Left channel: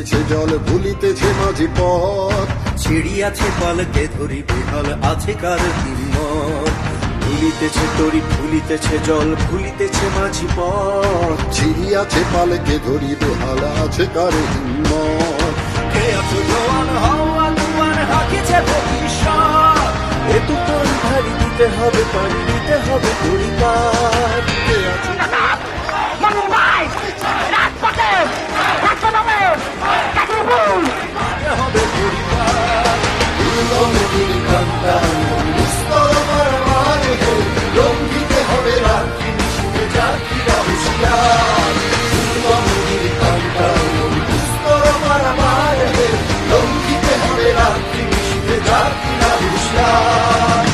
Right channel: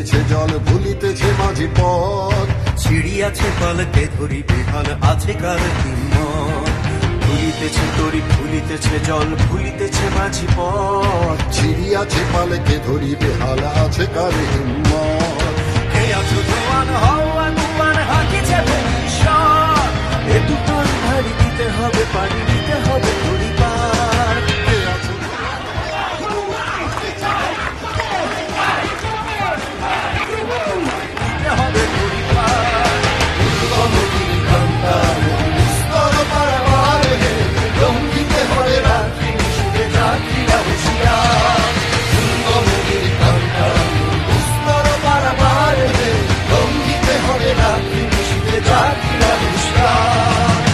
ভুলিতেছে জল ভুলিতেছে মাঝি পথ, ছিড়িয়াছে পালকে ধরি বেহাল আছে কার হিম্মত। ভুলিতেছে তরি ভুলিতেছে জল ভুলিতেছে মাঝি পথ, ছিড়িয়াছে পালকে ধরি বেহাল আছে কার হিম্মত। কে আছো জোয়ান হওয়া তুয়ান হাকিছে ভবিষ্যৎ, এ তুফান ভারী দিতে হবে পাড়ি দিতে হবে পরিবার। কে আছো দিতে হবে পরিবার। নদীর কান্তা স্তর পারাবার হে, লঙ্ঘিতে হবে রাত্রি নিশীথে যাত্রীরা হুঁশিয়ার। নদীর কান্তা স্তর পারাবার হে, লঙ্ঘিতে হবে রাত্রি নিশীথে যাত্রীরা হুঁশিয়ার।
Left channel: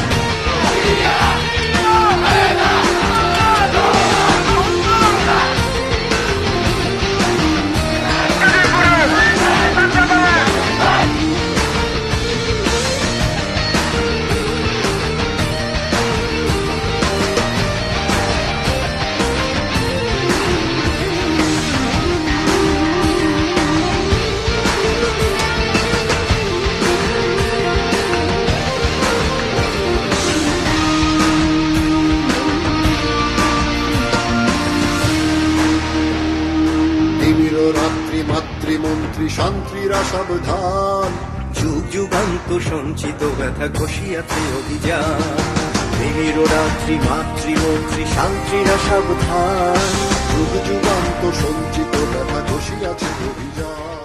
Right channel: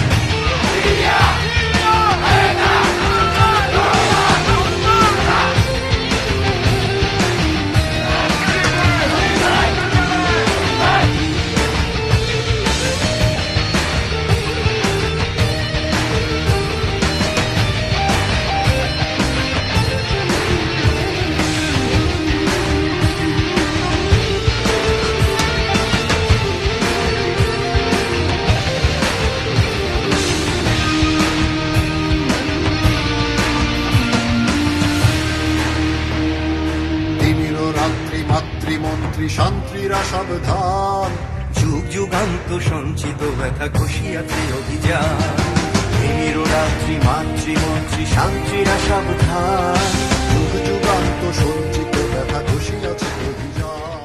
রাত্রি মাতৃমন্ত্রী শান্তিরা সাবধান, যুগ যুগান্ত সঞ্চিত ব্যথা ঘষিয়াছে অভিযান। তিমির রাত্রি মাতৃমন্ত্রী শান্তিরা সাবধান, যুগ যুগান্ত সঞ্চিত ব্যথা ঘষিয়াছে অভিযান।